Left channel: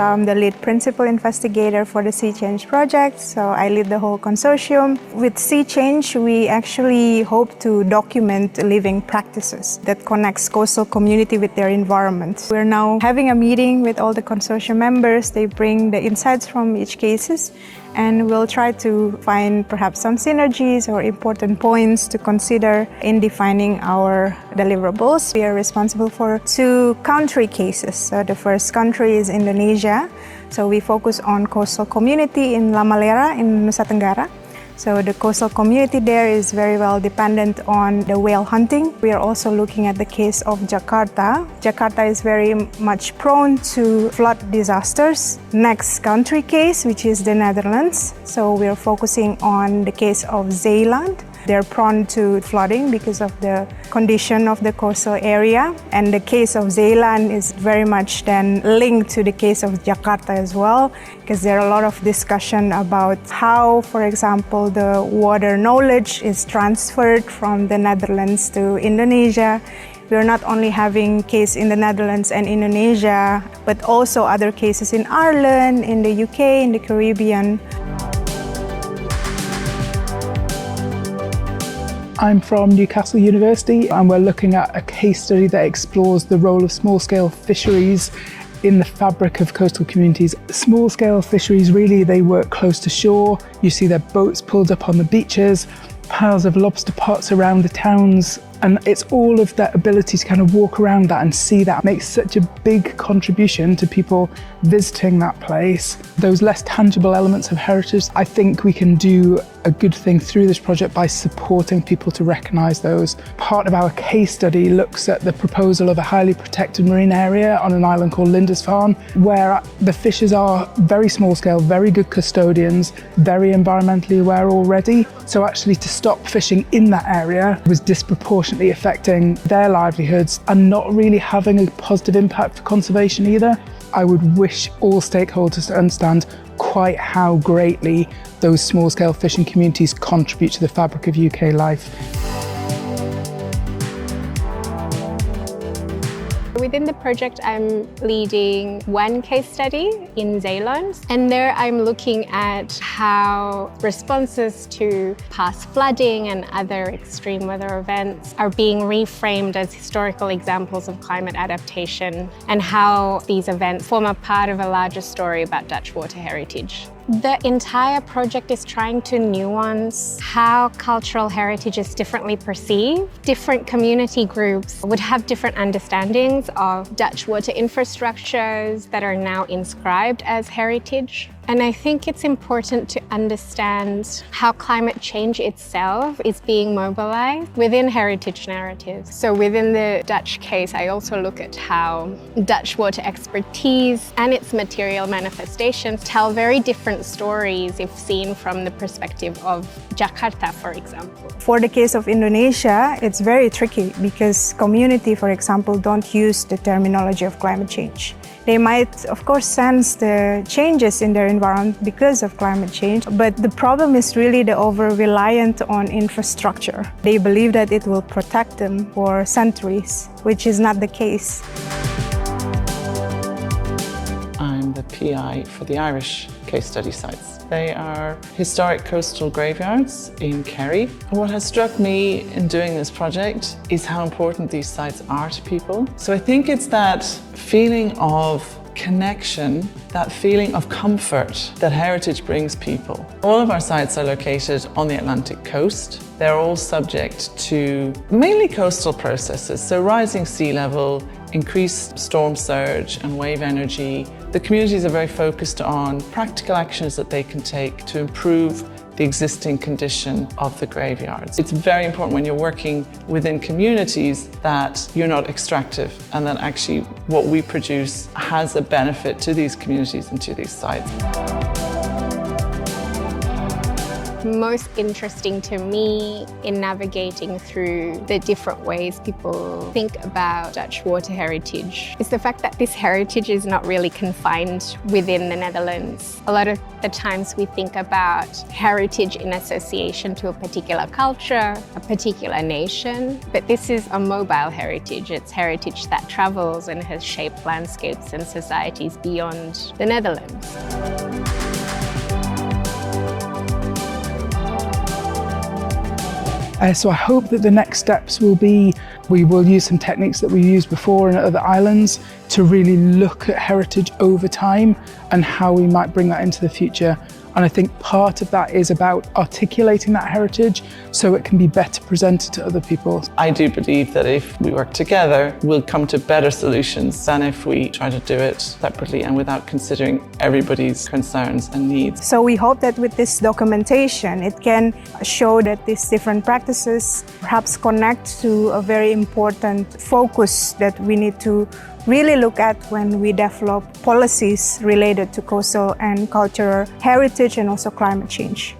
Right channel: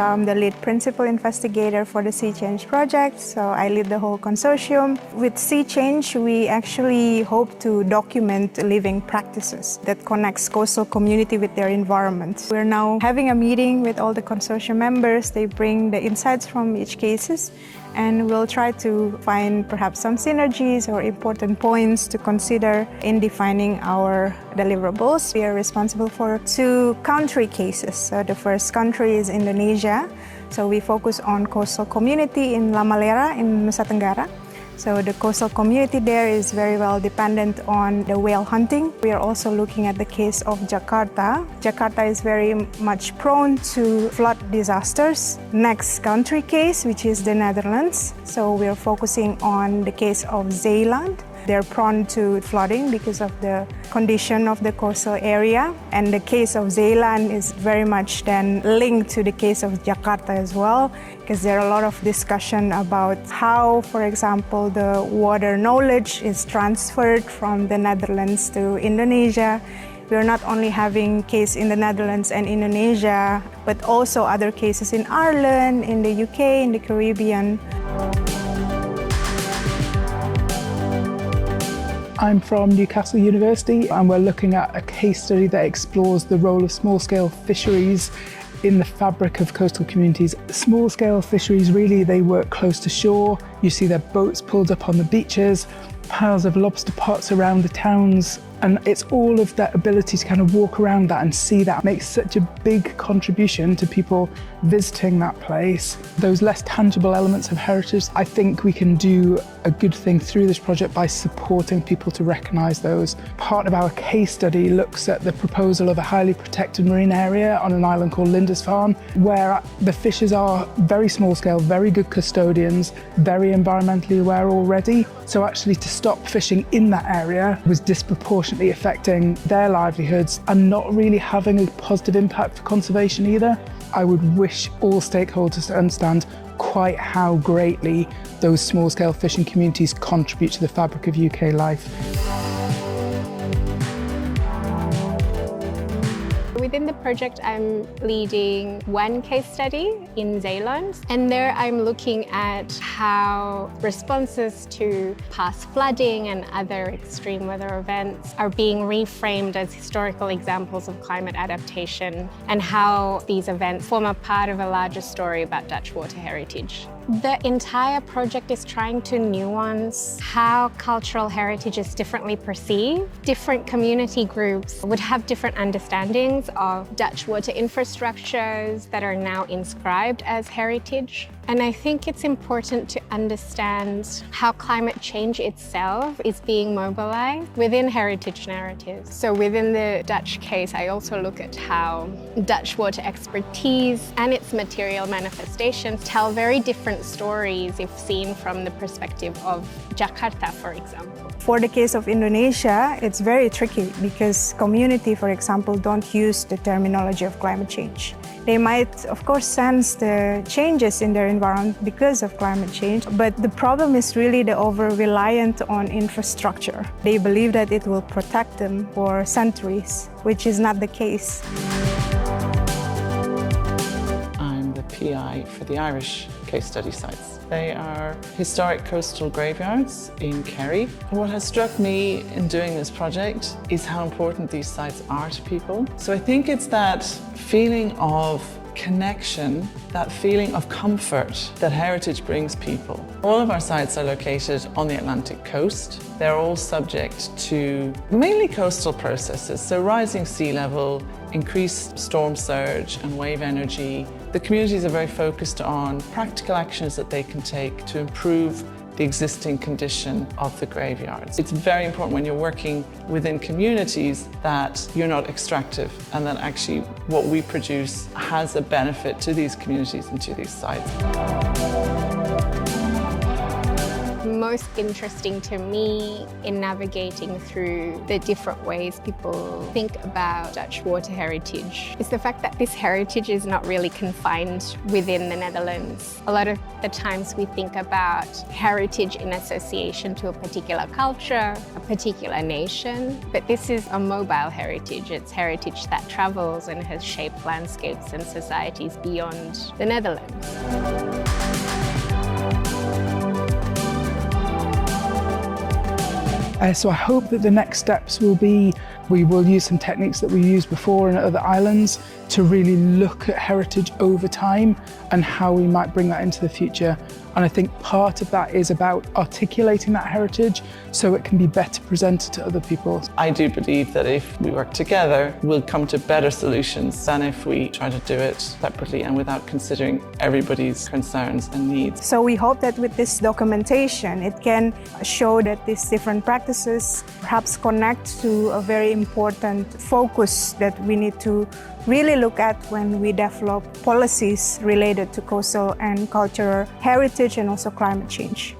I'm the lead principal investigator for the SEA-CCHange project, so I lead the whole consortium. With SEA-CCHange, we actually hope to document living practices that connects coastal community with their environment. We're now having a meeting with all the consortium members. They bring the insights from each cases, and we'll try to find perhaps some synergies or important points to consider in defining our deliverables. We are responsible for 2 country cases. So the first country is Indonesia. So we focus on coastal community in La Malera in Nusa Tenggara. So the coastal community there is very well dependent on the whale hunting. We are also looking at the case of Jakarta. Jakarta is very much prone to flood disasters. Next country case, which is the Netherlands. So we are focusing on the case of Zeeland. They're prone to flooding because of the condition of the coastal area. And the case of Zeeland is very much then linked to the case of Jakarta as well, because there are a lot of discussion about how, for example, the water knowledge is transferred from the Netherlands to Indonesia. We're not only having case in the Netherlands and Indonesia, but also other cases in Ireland, in the UK, in the Caribbean. I'm from Newcastle University, and we're looking at a case study that explores the role of small-scale fisheries in the fabric of coastal communities. Small-scale fisheries, really, they work close to shore. You see their boats pulled up on the beaches, piles of lobster pots around the towns, and it's all of that ability to kind of walk around that and see that makes such a big contribution to people visiting that place. Those less tangible elements of heritage, I think we can do a good thing through this project by supporting people to recognise those. Part of our case study looks at the proposal of a highly protected marine area on an island called Lindisfarne, where the fishes are very small scale, very good custodians, very environmentally aware already. So actually to stop fishing in that area was disproportionately affecting their livelihoods and not really having a positive impact for conservation either. I would wish all stakeholders to understand quite how greatly those small-scale fishing communities contribute to the fabric of UK life. Within the project, I'm leading one case study in Zeeland, and there I'm looking at how responses to past flooding and other extreme weather events are being reframed as historical examples of climate adaptation, and how these events form a part of a larger story about Dutch water heritage. The entire project is trying to nuance how cultural heritage is differently perceived. Different community groups would have different understandings of Dutch water infrastructures that are now inscribed as heritage. And I think it's important to understand how climate change itself is being mobilized within heritage narratives. So within the Dutch case, I also look at how Dutch water expertise and its material manifestations tell very different stories if seen from the perspective of Jakarta, for example. For the case of Indonesia, it's very tricky because community, for example, don't use the terminology of climate change. They might, of course, sense the changes in their environment because of climate change, but the problem is really the over-reliance on infrastructure. They believe that it will protect them for centuries, which is not the case. I'm the PI for the Irish case study sites. They are historic coastal graveyards in Kerry. What has struck me in doing this project is how important these sites are to people. So I think it's that feeling of connection, that feeling of comfort that heritage brings people. All of our sites are located on the Atlantic coast. They're all subject to mainly coastal processes, so rising sea level, increased storm surge and wave energy. The communities are very focused on practical actions that they can take to improve the existing condition of the graveyards. It's very important when you're working within communities that you're not extractive and that actually what we produce has a benefit to these communities and to these sites. most interesting to me in navigating through the different ways people think about Dutch water heritage is the fact that this heritage is not really confined within the Netherlands. A lot of the times we think about heritage in association to a particular culture, a particular nation, but this is a mobile heritage. It's heritage that travels and has shaped landscapes and societies beyond the Netherlands. So I hope that the next steps will be, we will use some techniques that we used before in other islands to really look at heritage over time and how we might bring that into the future. And I think part of that is about articulating that heritage so it can be better presented to other people. I do believe that if we work together, we'll come to better solutions than if we try to do it separately and without considering everybody's concerns and needs. So we hope that with this documentation, it can show that these different practices perhaps connect to a very important focus that we need to really look at when we develop policies related to coastal and cultural heritage and also climate change.